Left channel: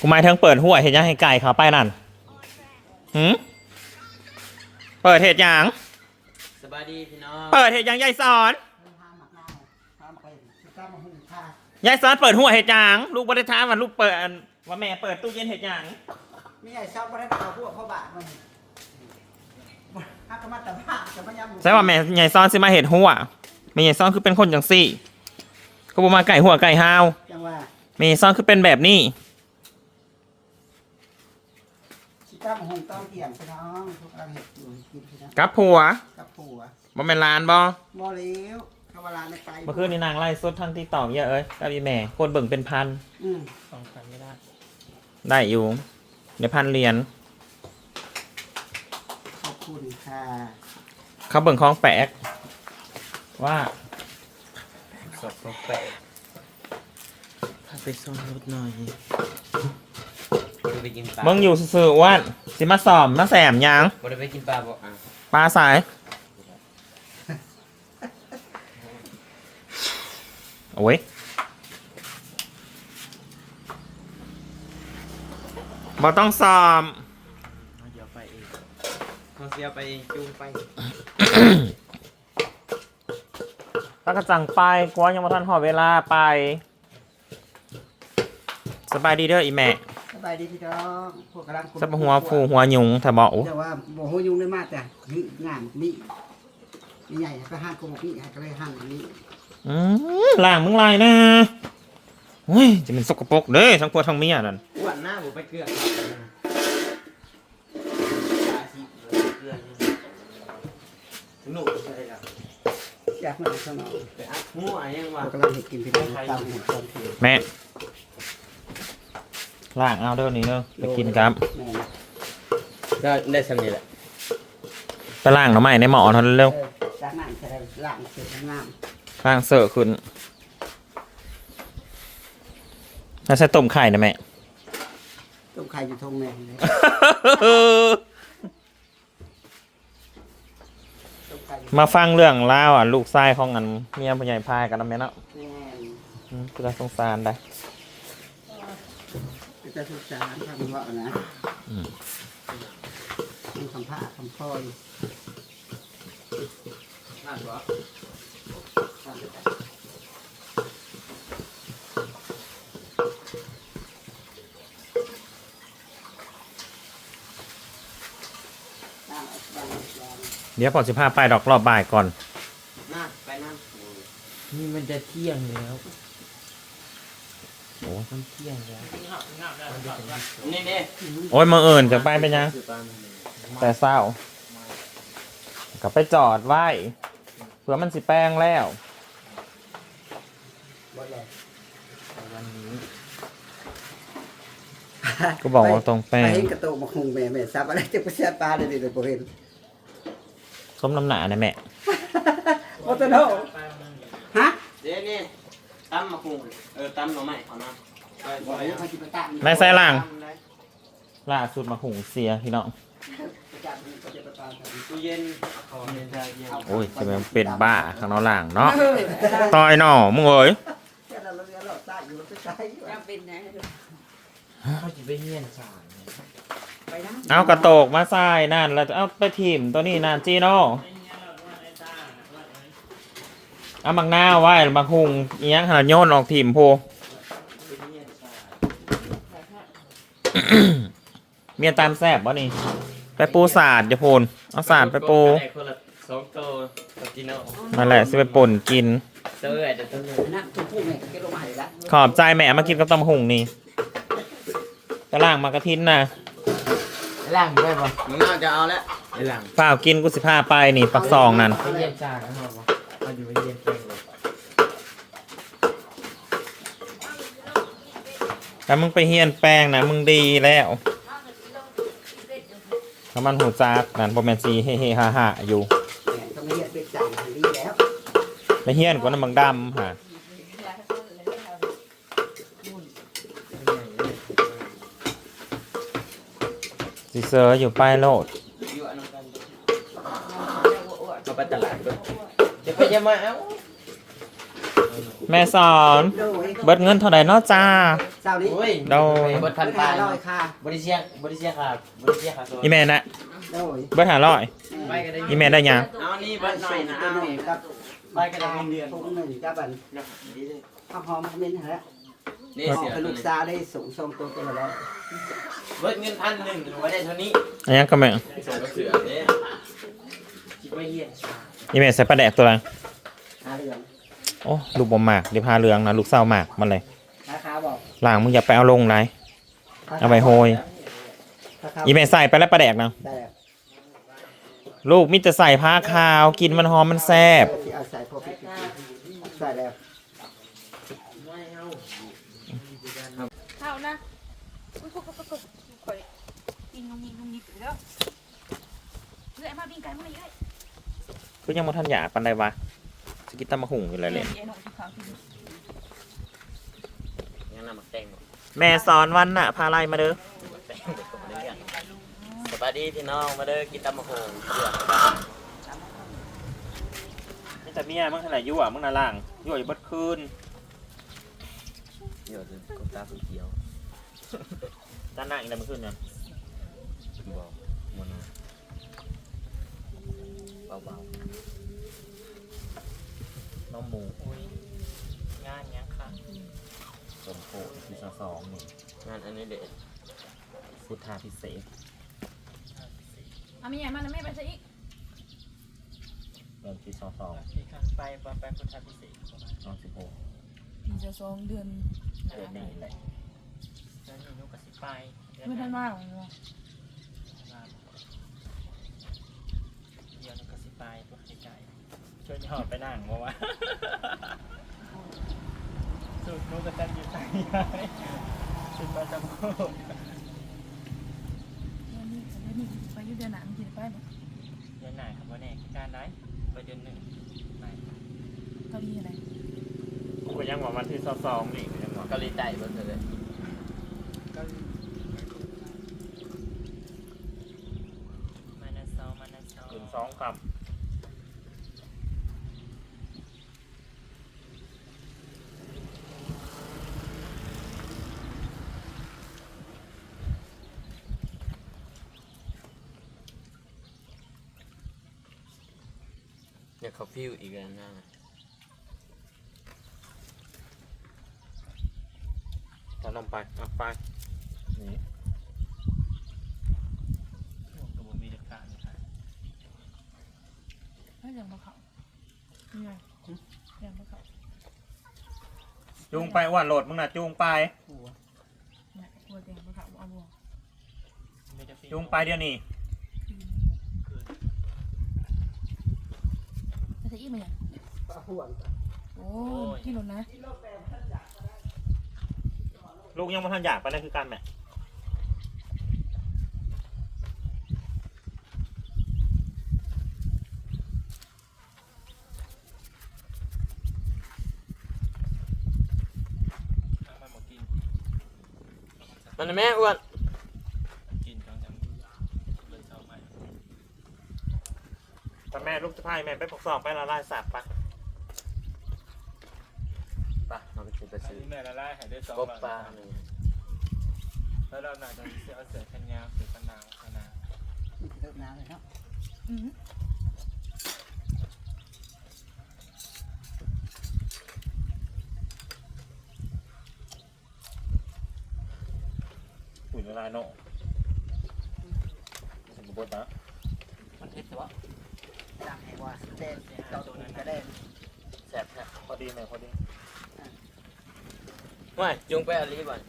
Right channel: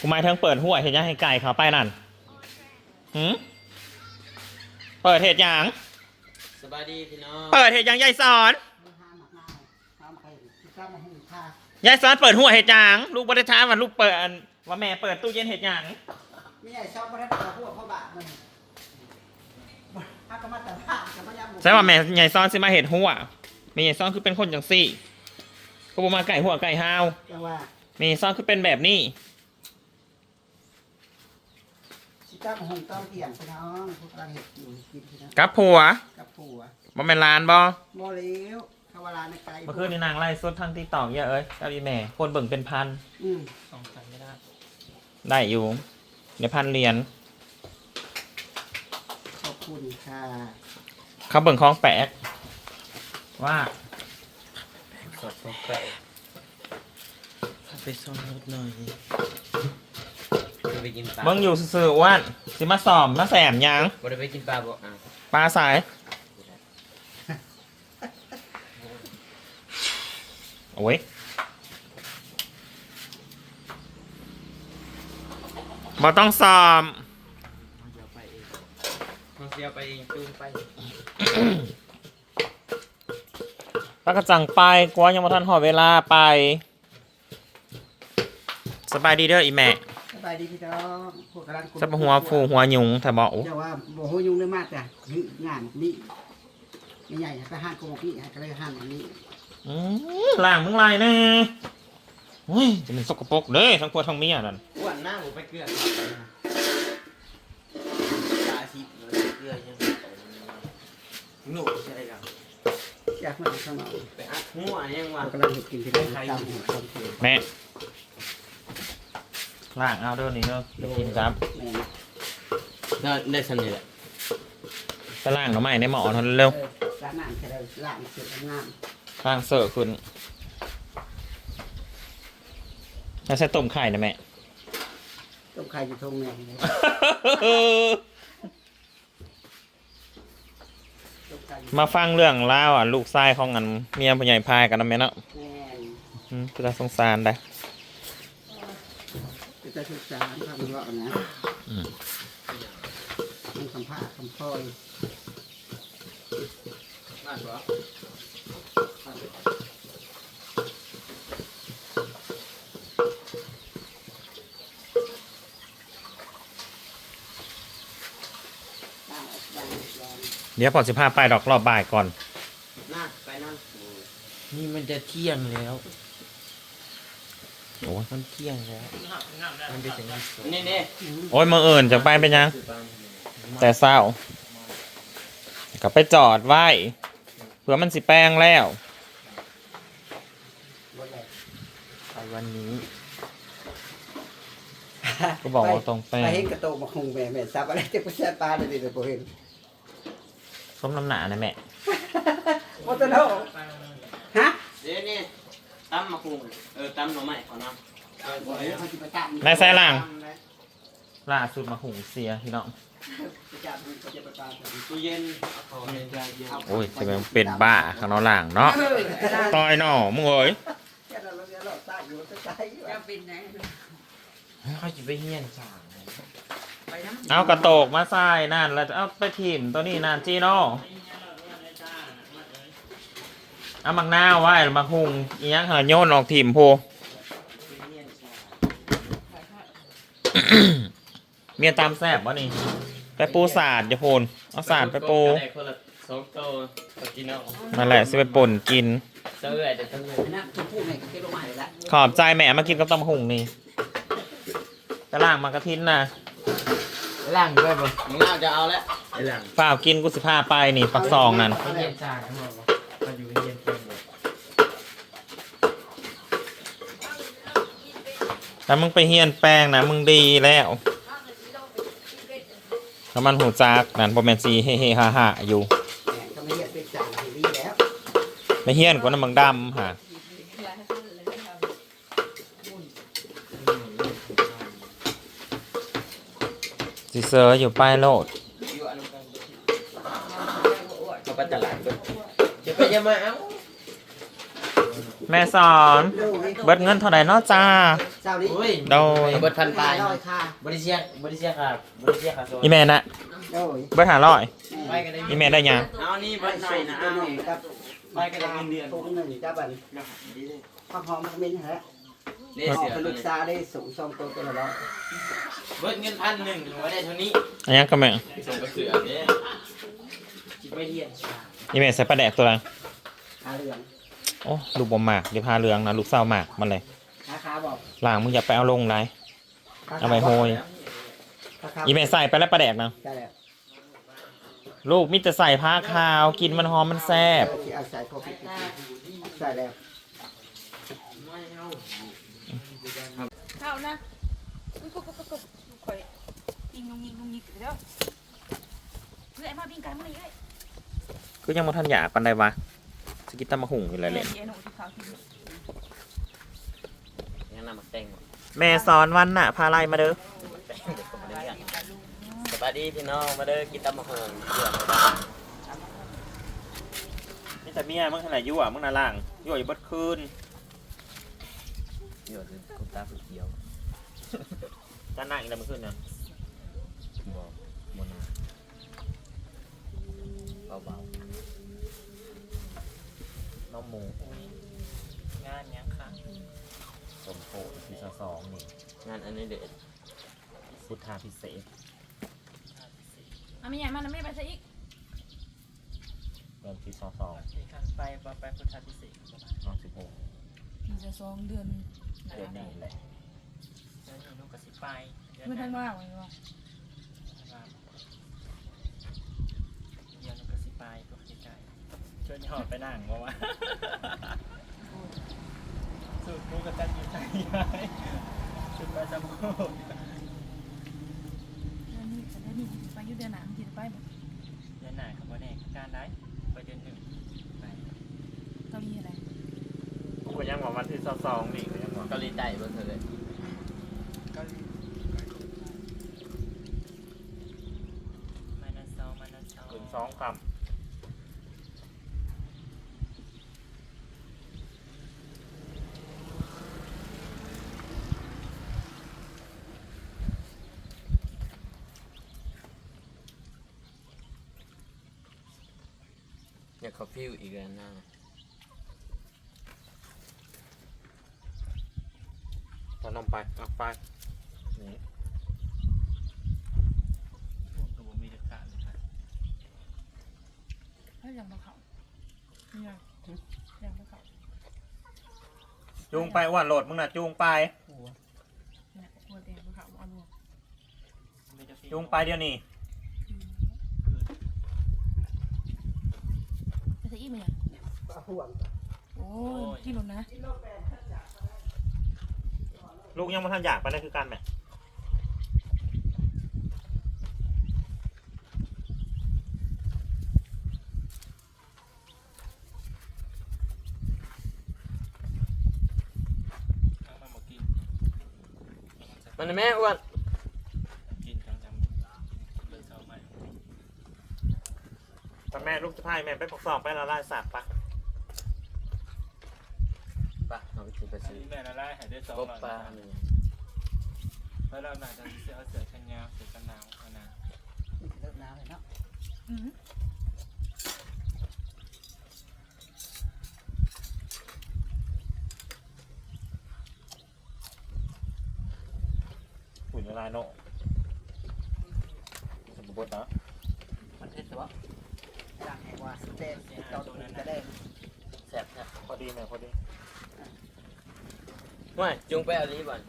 กูหมายถึงเปิดหัวเห็ดหยังให้ไก่เขาไปนั่นหืมเปิดเห็ดหยังสบายดีพี่น้องเปิดเห็ดหยังยายสอนห้ามหมักเน่าห้ามไปที่ตั้งมาหุ่นผ้ายายสอนเปิดหัวเห็ดหยังลูกบริท้ามว่าลูกเปิดอันว่าแม่เปิดตู้เย็นเห็ดหยังมีไอ้ซอฟต์มาได้ดาวพวกเขาบาดมันถ้าก็มาแต่ผ้าจะพยายามใช่ว่าแม่ยายสอนสิมาเห็ดหัวแม่ยายสอนคือเป็นคนจังซี่ก็บ่มาไก่หัวไก่ห้าวจังว่าแม่ยายสอนคือเป็นแบบนี้ ที่ ตั้งมาหุ่นต้องเกี่ยงพี่น้องพวกกำลังเห็ดอยู่กินพี่น้องกับผัวกับผัวบ่แม่นลานบ่โมเลี้ยวคำว่าลาในไกลเมื่อคืนนี้นางไล่สดทางติ๊กต็อกเยอะเอ้ยกับอีแม่คนเบิ่งเป็นพันอืมสองกันไม่ได้ ได้อยู่ในพันเหรียญขอบคุณค่ะเขาเบิ่งของแปลกว่าสดสดแปะถ้าไปซ่อมรถหน่อย จะไปกินปลาเบิ่งอยู่ซื่อๆอ้วนสิมาสอมมาแสมหยังบ่ได้ไปกินปลาบ่อะปลาสายโอ้ยบ่ต้องสอมเขาเสียไปเองเขาเสียไปเองจูงไปแล้วก็จังไปกลัวยังบ่ทันหอเวลาไป สบายดีเด้ออีแม่ส บายดีพี่น้องพวกกำลังจะมาหัวฟูหัวยุงถ้าบอกแต่ว่าบ่หัวยุงได้มากแต่งานนี่ไม่ใหญ่ไปห้างกงนี่ให้ก็เลยห้างอันนี้อืมล่างมึงลายนะเฮ้ยจะเป็นสกปรกเด้ทั้งผัวทั้งเมียนั่นอ้วนหน้าผมไปเกลือปลาชีเกลือยังหนูใช่ครับอยากมาข้างนอกไปอัดหัวยังวะเรากำลังเห็ดกินพี่น้องตามหัวคนคือแม่ ล่างเอาเดี๋ยวนี้เนอะไปกินครับแม่ก็ได้สำเร็จแหละไปล่างหน่อไม้ในหมอเท่านั้นเร็วเออจากนั้นจะได้ล้างเสร็จงามล่างเสิร์ฟขึ้นแล้วใส่ต้มไข่นะแม่ ต้มไข่อยู่ทงแม่เลยต้มไข่อยู่มาฟังเรื่องเล่าวอะ ลูกชายของอันเมียผู้ใหญ่พายกันนะแม่เนาะแม่อืมคือสงสารได้ก็ จะศึกษาทำเลาะนะอืมมันคำผ้าคำพอยน่าชัวร์ล้างเอาล้างเอาล้างเดี๋ยวพอสิพาไปดอกรอบบ่ายก่อน น่าไปนั่งนี่มันจะเที่ยงแล้ว โอ้ยมันเที่ยงแล้วมันจะถึงนี่นี่โอ้ยมาเอิญจะไปเป็นยัง แต่เศร้าก็ไปจอดไว้เผื่อมันสิแป้งแล้วรถใหญ่ไปวันนี้ก็บอกว่าตรงแป้ไปงเห็นกระโตกมาคงแม่แม่ซับอะไรจะไปแช่ปลาเดี๋ยวนี้เลยบ่เห็นส้มน้ำหนานะแม่โอ้ตะโนฮะเดี๋ยวนี่ตั้มมาคุงเออตั้มหน่อไม้ขอเนาะไป บ่ไปเห็นเขาสิไปตามไม่ใส่ล่างล่าสุดมาหุงเสียพี่น้อง ตู้เย็นเอาเย็นใจเย็นโอ้ยจะเป็นเป็นบ้าข้างนอกล่างเนาะต่อยหน่อมึงเอ้ยแต่ละโรงเรียนเราใต้อยู่ใต้อยู่อะเขาจะไปเฮียนสางเอากระโตกมาใส่นั่นแล้วจะเอาไปทีมตัวนี้นั่นจีโน่เอามักหน้าวไว้มาหุงเอียงหาโยนออกทีมโพ เมียตามแซบบ่นี่ ไปปูสาดอย่าโพนเอาสาดไปปูได้คนละสองตัวตะกินเอานั่นแหละสิไปป่นกินเตื้อเดี๋ยวเตื้อนั่นทุกผู้แม่ก็เก็บลงมาให้ละขอบใจแม่มากินกับตำหุงนี่จะล่างมากระทินนะล่างได้ปะมึงน่าจะเอาแล้วไอ้ล่างเปล่ากินกุสิพาไปนี่ปักซองนั่นไปเฮียนสางทั้งหมดมาอยู่เฮียนเป็นเลย แต่มึงไปเฮียนแปลงนะมึงดีแล้วถ้ามันหูจักนั่นโปรแมนซีเฮ่เฮ่ฮ่าฮ่าอยู่ก็ไม่เรียกเป็นจายให้ดีแล้วไปเฮียนกว่าน้ำมังดำฮะสิเซอร์อยู่ป้ายโลดอยู่อันนั้นกันมาไปตลาดด้วยจะไปยังมาเอา แม่สอน โดยเบิดเงินเท่าไหร่เนาะจ้า เจ้านี้โอ้ยโดย เบิดพันห้าตายร้อยค่ะบริเชียบริเชียค่ะบริเชียค่ะอีแม่น่ะโดยเบิดหาร้อยไปกันได้อีแม่ได้ยังเอานี่ไปบันใส่ใส่นะตัวหนึ่งกับไปกันได้เงินเดือนทุกหนึ่งกับบันดีเลยข้าวหอมมันเป็นอย่างไรนี่ออเสีกยเป็นลูกซาได้สูงสองตัวตัวละร้อยเบิดเงินพันหนึ่งไว้ได้เท่านี้อันยังก็แม่ส่งกระเสือเด้คิดว่าเฮียอีแม่ใส่ปลาแดกตัวละหาเรื่อง โอ้ลูกบอมหมากเดี๋ยวพาเรืองนะลูกเศร้าหมากมันเลยราคาบอกหลังมึงอย่าไปเอาลงไร เอาไปโหยราคาอีแม่ใส่ไปแล้วปลาแดกนะได้แล้วลูกมิจะใส่ผ้าขาว กินมันหอมมันแซ่บที่เอาใส่พอพิษใส่แล้วเข้านะอุ้ยก็ก็ก็ข่อยยิงงยิงงยิงตื่นแล้วเรื่อยมาบินไก่มันเลยคือยังมาทันอยากปันใดวะ สกิตตามะหุงอยู่เลยเลยงั้นนำมาแต่งหมดแม่สอนวันน่ะ พาไล่มาเด้อแต่งหมดกับเรื่องสวัสดีพี่น้องมาเด้อกินตำมะฮงเดือดนี่แต่เมียมึงเท่าไหร่ยั่วมึงน่ะล่างยั่วอยู่บดคืนเดือดกุตาเขียวด้าหน้าอีกแล้วมึงขึ้นเนี่ยบอกมนาเบา น้องหมูงานยังค่ะสมโพธิที่ สองนี่ๆงานอันนี้เด็ดพุทธาพิเศษอะไม่ใหญ่มากนะไม่ไปซะอีกเดือนที่สองสองไปไปพุทธาพิเศษสองสิบหกปีจะสองเดือนเดือนนี้แหละเดือนนี้นุกกสิไปไม่ทันว่างเลยว่ะเดือนนุกกสิไปตัวใกล้ช่วยหอดไปนั่งเพราะ ว่าสุดนุกกจะมีไปชุดประจำโคตรเดือนนี้เดือนนี้ไปอยู่เดือนหนังที่ไปแบบเดือนหนาครับว่าแน่การได้ไปเดือนหนึ่งไปเกาหลีอะไรกูยังว่าวันที่สองสองนี่ก็ยังว่าเกาหลีใต้เบอร์เธอเลยมานาเซามานาเซาคืนสองคำ เขาพิวอีกแล้วนะตอนนมไปเอาไป นี่ช่วงกระบอกมีเด็กขาดเลยค่ะถ้าอย่างมาเขาไม่ใหญ่อย่างมาเขาจูงไปอ้วนโหลดมึงน่ะจูงไปเนี่ยกลัวแดงมาเขาเอาบ่วงจูงไปเดี๋ยวนี้ ไปซะอีกไหมเนี่ยห่วงโอ้ยกินหมดนะลูกยังมาทันอยากไปนั่นคือการแม่มันแม่อ้วน แต่แม่ลูกจะพายแม่ไปปกสอบไปละลายสัตว์ปะปะเราไปซื้อไปซื้อแม่ละลายหายได้สองกบหลอดปลานะครับหนึ่งแล้วเราหนาจะเสือเอาเสือชันยาวเสือกันหนาวกันหนาวเริ่มน้ำเลยเนาะอืมหุ่นละลายโน่สมบูรณ์นะมันเผ็ดวะสั่ง ให้ว่าแดงเจ้าตัวนั้นก็ได้แซ่บแซ่บพอดีแม่พอดีว้ายจุงไปอะไรบ้าง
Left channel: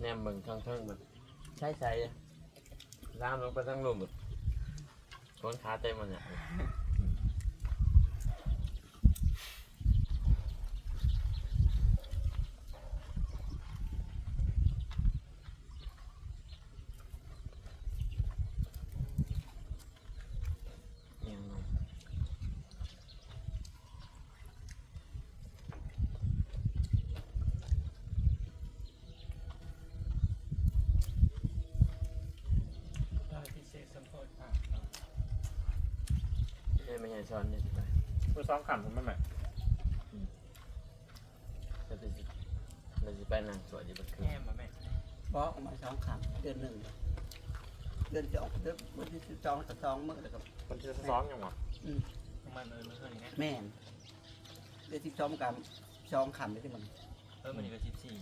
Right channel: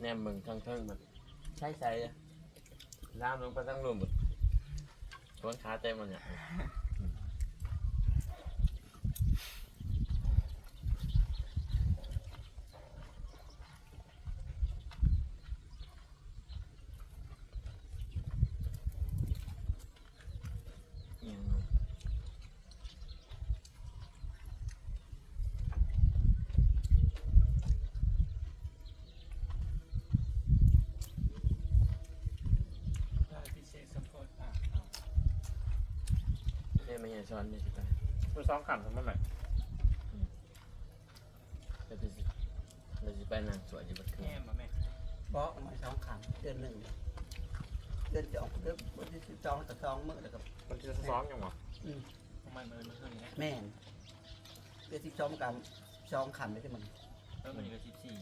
แนมมึงทั้งทั้งแบบใช่ใช่ล่ามลงไปทั้งรวมแบ ชนช้าเต็มหมดเยที่เศสัมโอะนี่ไม่ใช่ซ้อนเนี่ยสิไปมือซ้อมขำทำไมแม่จะไปสิเราสิไปนั่งสวดอยู่บนเครื่อแง่งมาแม่บอกออกมาสองคำเดือนหนึ่งเดือนสองเดือนวันที่สิบสองกับสองมื้อแล้วก็คนที่ซ้อมยังวะมันเออมันเท่านี้แม่นเดือนที่สองกับสองคำเลยที่มันเออมันก็สิบสี่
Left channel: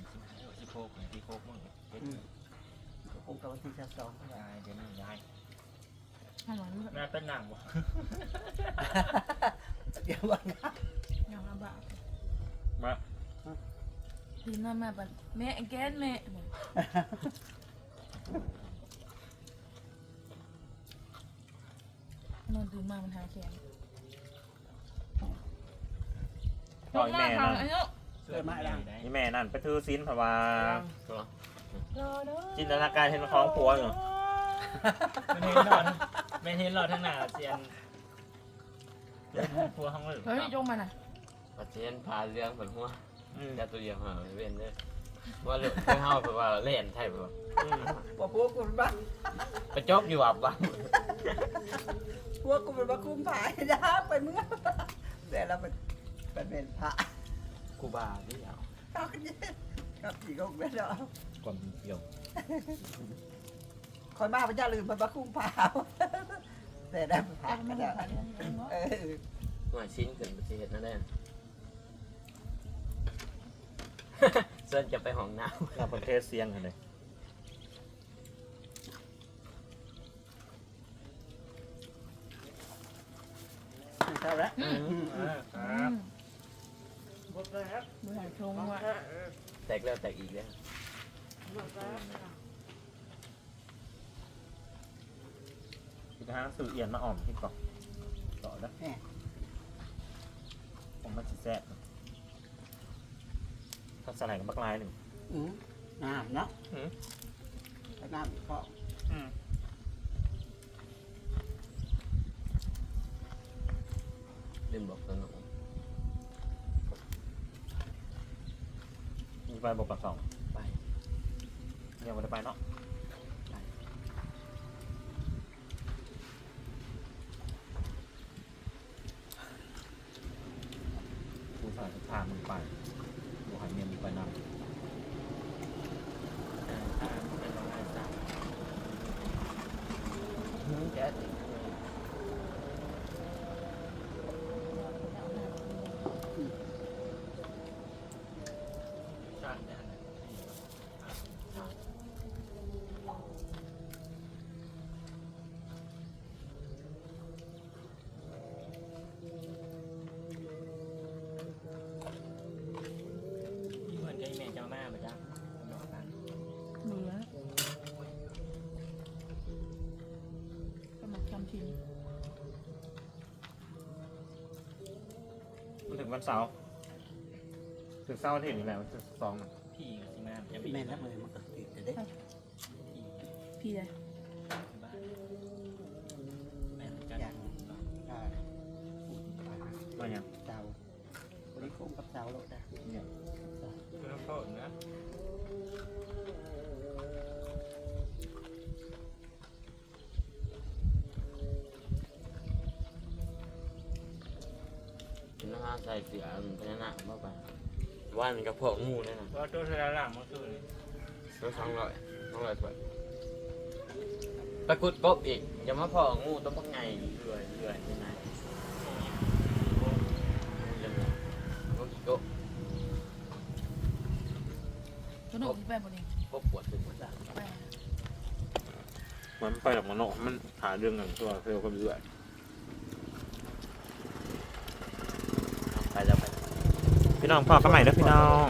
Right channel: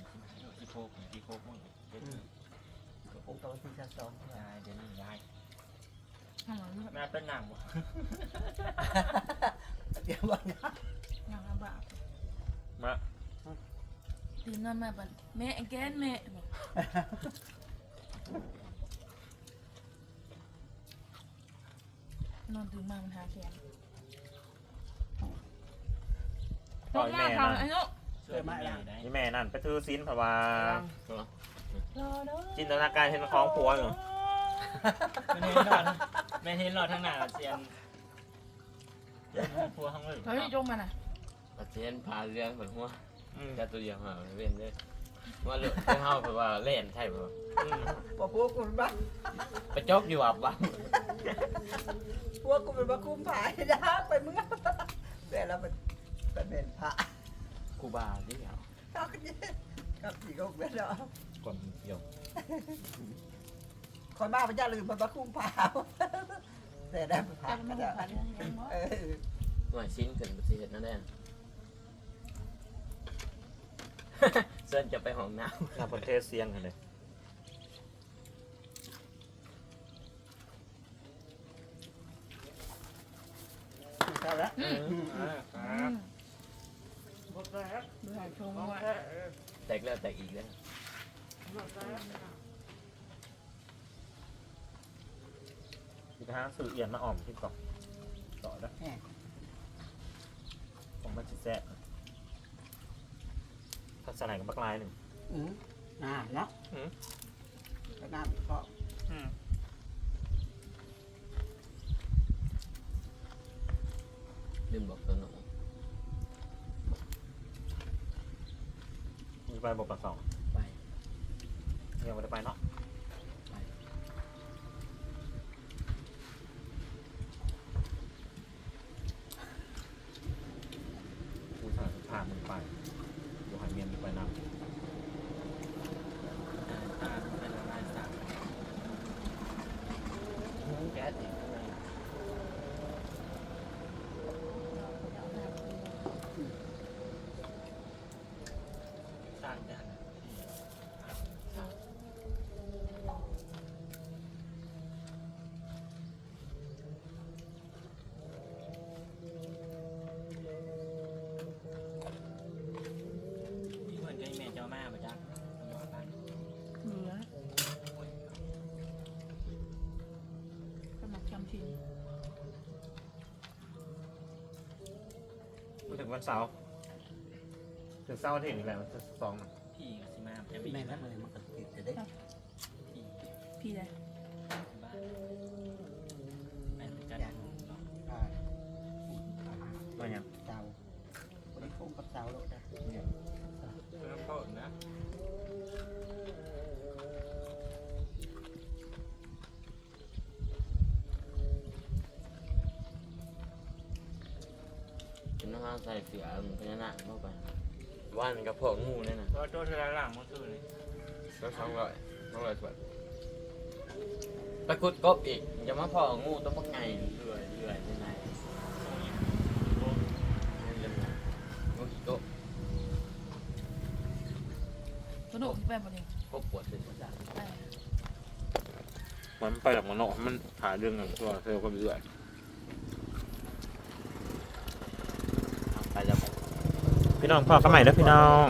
สิบหกสิบหกมึงเจ็ดก็คงกับวันที่สิบสองยายเดี๋ยวนี้ยาย ทำไมรู้แม่เป็นหนังบ่เดี๋ยววันนะอย่างลำบากมาตื่นนอนมาบัดแม่แกนแม่บอกนอนตื่นมามันหาแขนต่อยแม่ทานั่งนไอ้เนาะเสื้อไม่ได้นี่แม่นั่นไปถือซีนเพราะว่าตัวจินตนาการเห็นของผัวอยู่ ไม่เห็นหลอดไม่เห็นหลอดทั้งหน้าเสียนพัวข้างหลังเฮ้ยจงมาน่ะปัจเจนพาเรื่องบนหัวอืม แค่ตัวเดียวหาเว้นเลยว่าเลือดไปเฮาแบบว่าเล่นใช่ป่ะอืมพอพวกกูเป็นบ้าไปจกอยู่อับบ้างพวกกูเป็นบ้าคุ้มผายนะไปมึงแต่เราเป็นเป็นเมนพระกูบาที่เหรอกับผีก็เป็นแล้วก่อน เกี่ยวคนบ้าพระเจ้าลืมมันบ้าคุ้มผาแต่ได้พระแต่มันก็ไม่ได้ผ่านเรื่องยังเนาะเออว่าชิ้นเกินประเทศนั่นแน่เส้นจะไปห้องน้ทำประเทศเสียงกันเลยเท่าแล้วเออคอืรับมดูหางชงว่าำแตกแล้วแตกอีกแล้ว อีกทางสื่อเอียนมาอ่อมที่เกาะต่อแล้วผมมันจะแซ่บถ้าสลายกับบักลายหนึ่งอืมน้ำเนาะอืมไปน้ำก็อืมลืมบอกตัวหนูมีไปบอกปากสองไปยังไม่ได้ไปเนาะ กูสายพามึงไปกูหายเมียมึงไปนำอ่าเป็นลายสักแก๊ส มาทำทีมันถึงวันเสาร์ถึงเสาร์อาทิตย์นี่แหละวันที่สองน่ะพี่กับซิมาจะไปแม่นแล้วเลยมันก็ติดจะได้พี่เลย ใส่เสือมันพญานาคเข้าไปว่านกับพวกงูนั่นน่ะก็ตัวเธอหลังเมื่อคืนก็สองร้อยสองร้อยบาทตะกุดกบอีกอย่ามาพองูต้องพักไงเรื่อยเรื่อยยังไงยังไงกบกบสนุกที่ไปบ่นี่กบปวดเป็นปวดดังไปมันไปจากมันเนาะมันหาเรื่องกันทั่วเธอคนเรื่อย ไปแล้วไป พี่น้องพอก็ใหม่แล้วพี่น้อง